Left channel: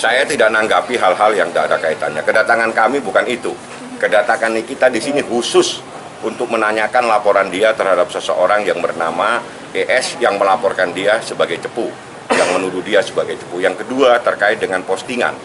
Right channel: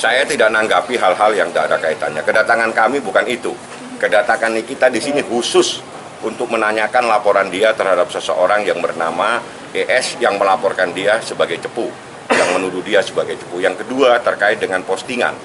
Saya tidak nanggapi hal-hal yang tidak ada kaitannya. Kedatangan kami bukan itu. Kedatangan kita di sini khusus untuk menanyakan laporan dia terhadap seseorang yang bernama ES yang melaporkan dia sebagai cepu, yang menuduh dia sebagai cepu. Yang kedua terkait dengan postingan.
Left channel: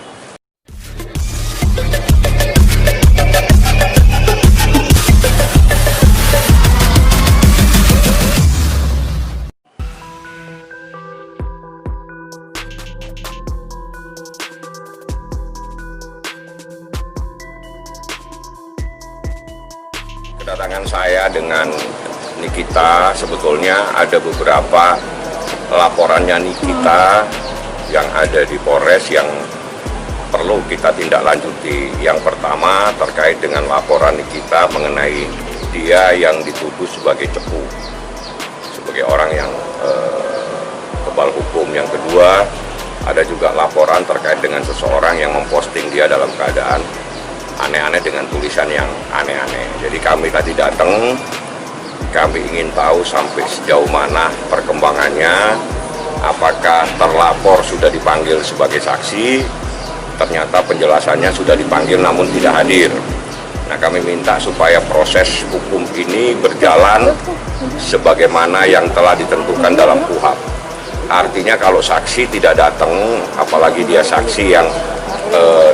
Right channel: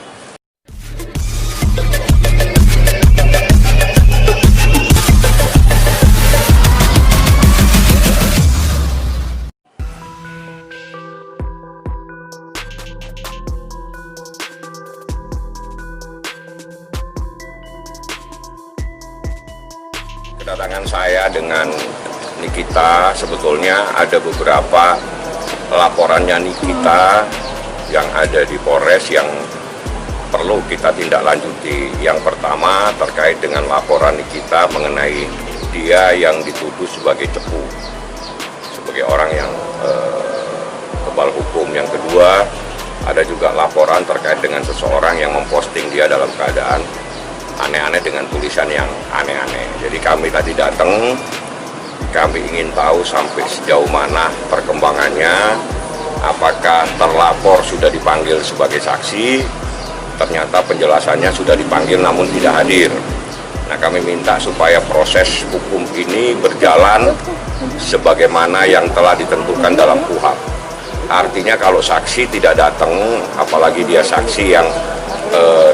Kedatangan saya dengan Nikita, sebetulnya ada beberapa laporannya Nikita yang ada di Polres yang perlu kita tindak lanjuti. Yang pertama terkait dengan laporan Nikita mengenai dia yang dituduh sebagai cepu, sebagai orang yang kebal hukum. Yang kedua ada juga laporan terkait dengan seseorang yang memposting dia dalam keadaan aneh-aneh dengan tulisan yang aneh-aneh. Jadi kami tadi datang, kami ingin tahu sampai sejauh mana perkembangannya, apakah terlapor sudah dipanggil sebagai saksi, ternyata penjelasannya sudah dipanggil namun tidak hadir. Nah, kami minta supaya proses hukum ini berjalan sebagaimana yang telah ditentukan dalam KUHP. Artinya kalau saksi tidak datang, apalagi dia saksi yang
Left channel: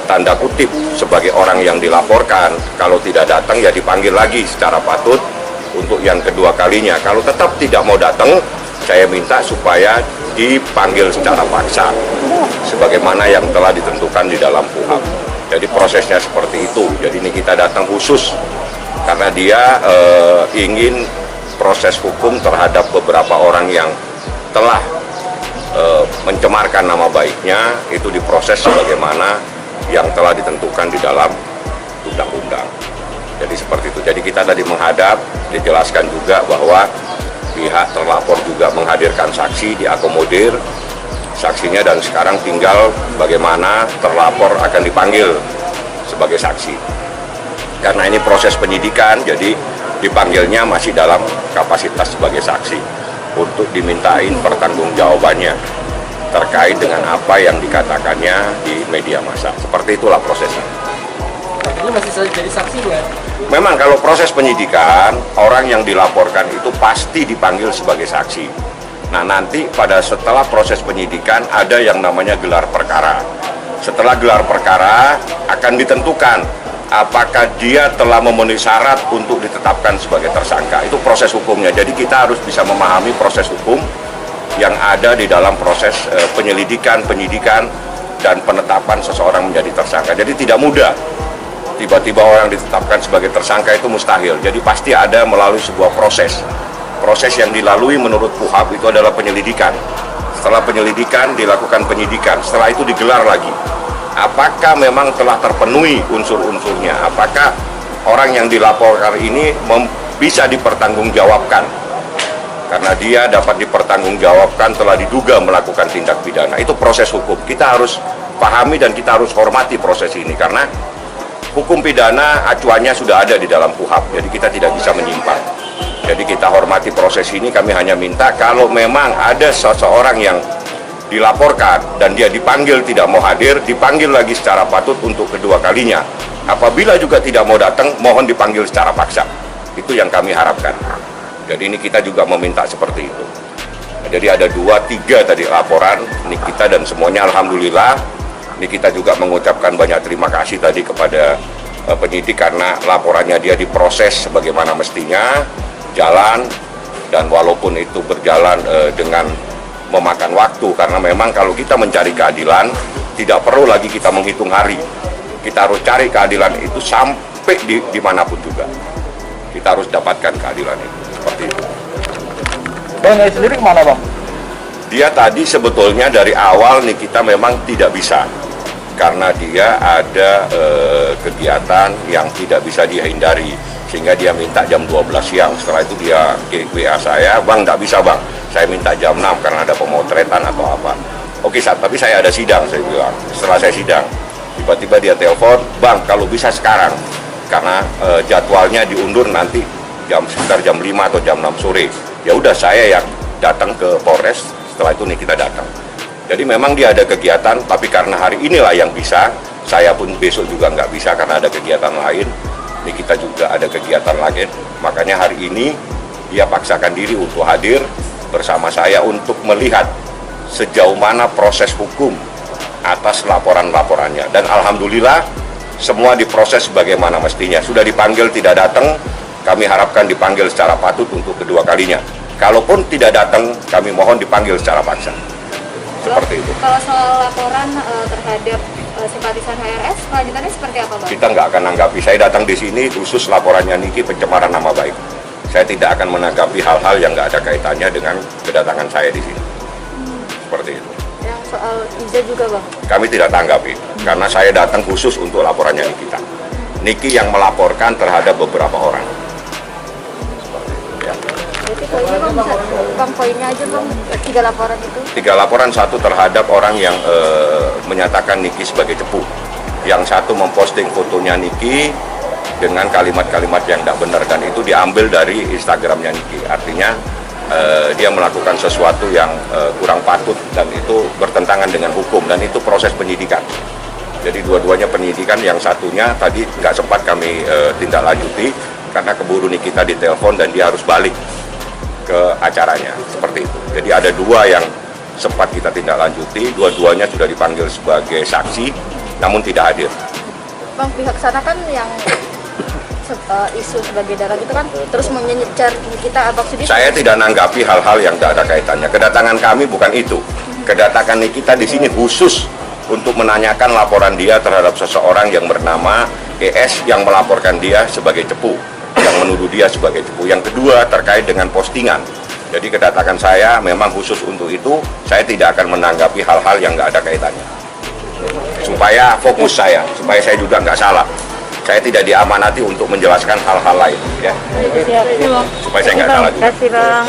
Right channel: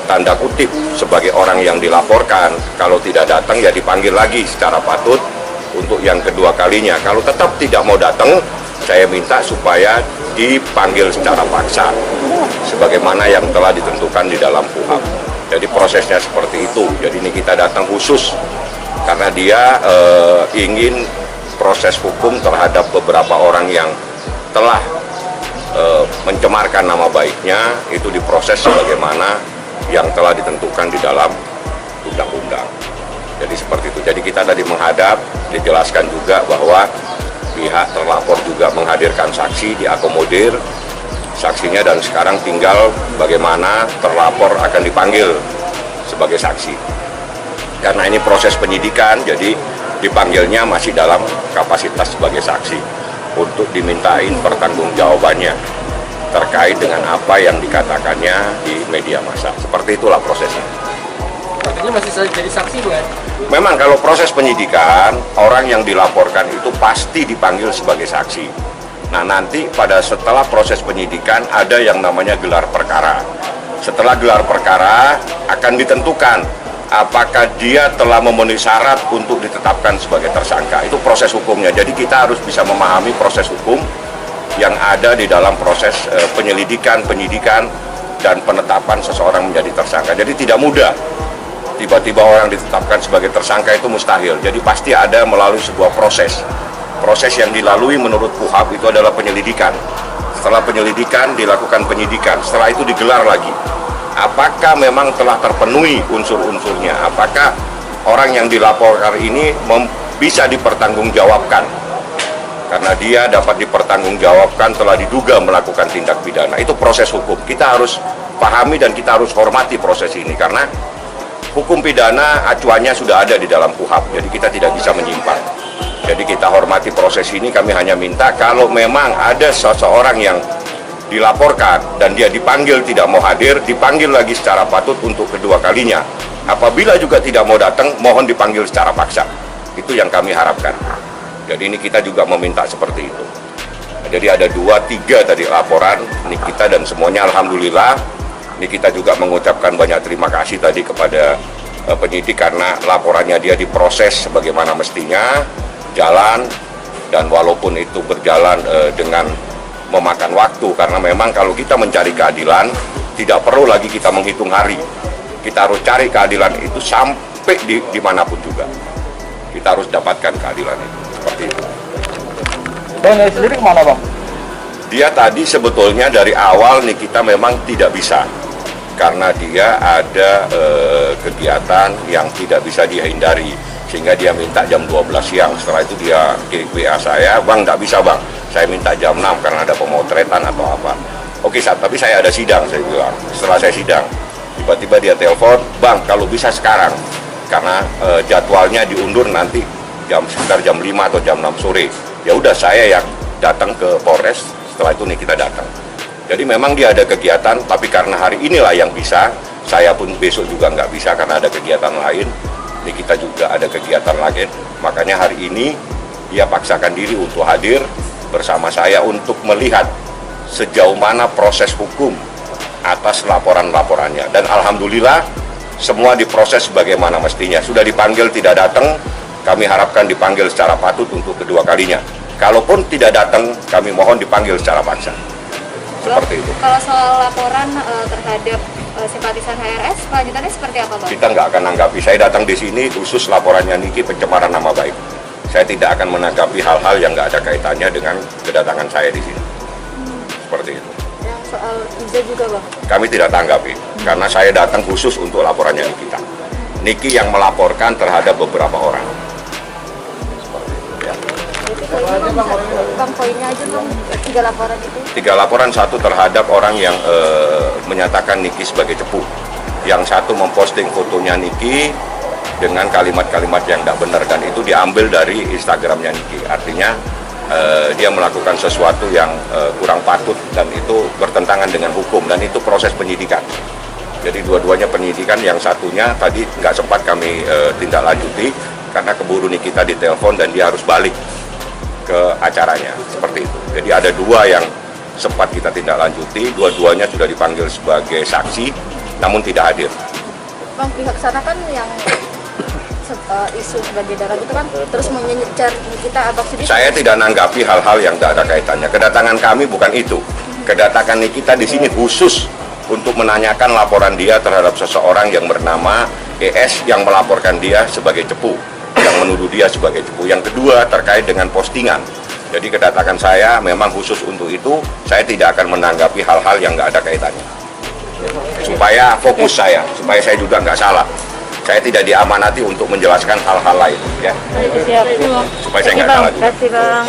tanda kutip sebagai orang yang dilaporkan, kalau tidak datang ya dipanggil lagi secara patut untuk yang kedua kalinya. Kalau tetap tidak mau datang, saya minta supaya dipanggil secara paksa sebagaimana yang telah ditentukan di dalam KUHP. Jadi prosesnya seperti itu. Jadi ini kita datang khusus karena dia ingin proses hukum terhadap beberapa orang yang telah mencemarkan nama baiknya itu diproses sebagaimana yang telah ditentukan di dalam undang-undang. Jadi seperti itu. Jadi kita tadi menghadap, dijelaskan juga bahwa pihak terlapor juga menghadirkan saksi, diakomodir saksinya, dan sekarang tinggal bagaimana terlapor akan dipanggil sebagai saksi. Karena ini proses penyidikan, jadi dipanggilnya masih dalam kapasitas sebagai saksi untuk dimintain pertanggungjawabannya terkait dengan apa yang dikatakannya di media massa. Seperti itulah prosesnya. Ini masih jadi saksi, bukan? Memang kalau proses penyidikan, orang yang dilaporkan itu pasti dipanggil sebagai saksi. Nah, nanti setelah proses penyidikan ada yang namanya gelar perkara. Setelah gelar perkara akan ditentukan apakah dia telah memenuhi syarat untuk ditetapkan sebagai tersangka. Itu proses hukumnya. Jadi kita harus bisa memahami proses hukum yang ada di dalam proses penyelidikan, penyidikan, dan penetapan seseorang menjadi tersangka. Jadi tidak mudah. Tiba-tiba orang ditetapkan sebagai tersangka itu mustahil. Jadi pasti ada melalui sebuah proses. Proses yang dilalui menurut KUHP itu adalah penyelidikan. Setelah penyelidikan dilakukan penyidikan. Setelah itu digelar lagi. Apakah memang telah terpenuhi unsur-unsurnya? Apakah orang yang dilaporkan ini bisa dipertanggungjawabkan? Karena dia dapat dipertanggungjawabkan telah diduga melakukan tindak pidana. Itu proses hukum. Kita harus pahami dan kita harus hormati proses ini. Karena hukum pidana acuannya sudah ada di dalam KUHP. Jadi kita tidak bisa menyimpang. Jadi kita hormati proses ini. Kami hanya minta kalau memang ada seseorang yang dilaporkan dan dia dipanggil tidak mau hadir, dipanggil lagi secara patut untuk kedua kalinya. Apabila juga tidak mau datang, mohon dipanggil secara paksa. Itu yang kami harapkan. Jadi ini kita juga meminta seperti itu. Jadi ada 2-3 tadi laporan Nikita dan semuanya alhamdulillah. Ini kita juga mengucapkan banyak terima kasih tadi kepada penyidik karena laporannya dia diproses sebagaimana mestinya, jalan, dan walaupun itu berjalan dengan memakan waktu, karena memang kalau kita mencari keadilan tidak perlu lagi kita menghitung hari. Kita harus cari keadilan itu sampai dimanapun juga. Kita harus dapatkan keadilan itu. Seperti itu. Bang, dari sendiri kemana, Bang? Dia tadi sebetulnya dari awal nih kita memang tidak bisa. Karena dia ada kegiatan yang tidak bisa dihindari. Sehingga dia minta jam 12 siang. Setelah itu dia WA saya, "Bang, nggak bisa, Bang. Saya minta jam 6 karena ada pemotretan atau apa." Oke, tapi saya ada sidang, saya bilang. Setelah saya sidang, tiba-tiba dia telepon, "Bang, kalau bisa sekarang." Karena jadwalnya diundur nanti sekitar jam 5 atau jam 6 sore. Ya udah, saya yang datang ke Polres, setelah itu nih kita datang. Jadi memang dia ada kegiatan, tapi karena hari inilah yang bisa, saya pun besok juga nggak bisa karena ada kegiatan lain. Nikita juga ada kegiatan lain, makanya hari ini dia paksakan diri untuk hadir bersama saya untuk melihat sejauh mana proses hukum atas laporan-laporannya. Dan alhamdulillah semua diproses sebagaimana mestinya. Sudah dipanggil tidak datang, kami harapkan dipanggil secara patut untuk kedua kalinya. Kalaupun tidak datang, kami mohon dipanggil secara paksa. Seperti itu. Kalau soal laporan terhadap simpatisan HRS, kelanjutannya seperti apa, Bang? Kita nggak akan menanggapi. Saya datang di sini khusus laporannya Niki pencemaran nama baik. Saya tidak akan menanggapi hal-hal yang nggak ada kaitannya dengan kedatangan saya di sini. Seperti itu. Yang soal Iza juga, Bang? Kami tidak tanggapi, karena saya datang khusus untuk laporannya Nikita. Niki yang melaporkan terhadap beberapa orang. Ya. Berarti poinnya, Bang, poinnya aja, Bang, 3 laporan itu. 3 laporan, 1 terhadap orang yang menyatakan Niki sebagai cepu. Yang 1 memposting fotonya Niki dengan kalimat-kalimat yang tidak benar, dan itu diambil dari Instagramnya Niki. Artinya dia melakukan sesuatu yang kurang patut dan itu bertentangan dengan hukum, dan itu proses penyidikan. Jadi dua-duanya penyidikan, yang satunya tadi nggak sempat kami tindak lanjuti karena keburu Nikita ditelepon dan dia harus balik ke acaranya, seperti itu. Jadi ada 2 yang sempat kita tindak lanjuti, dua-duanya sudah dipanggil sebagai saksi namun tidak hadir. Bang, pihak sana kan yang isu sebagai darah itu kan terus menyencar kita Abang Sudi. Saya tidak nanggapi hal-hal yang tidak ada kaitannya. Kedatangan kami bukan itu. Kedatangan Nikita di sini khusus untuk menanyakan laporan dia terhadap seseorang yang bernama ES yang melaporkan dia sebagai cepu, yang menuduh dia sebagai cepu. Yang kedua terkait dengan postingan. Jadi kedatangan saya memang khusus untuk itu. Saya tidak akan menanggapi hal-hal yang nggak ada kaitannya. Supaya fokus saya, supaya saya juga nggak salah. Saya tidak diamanati untuk menjelaskan hal-hal lain, ya. Siap. Supaya saya nggak salah juga. Terima kasih, Bang.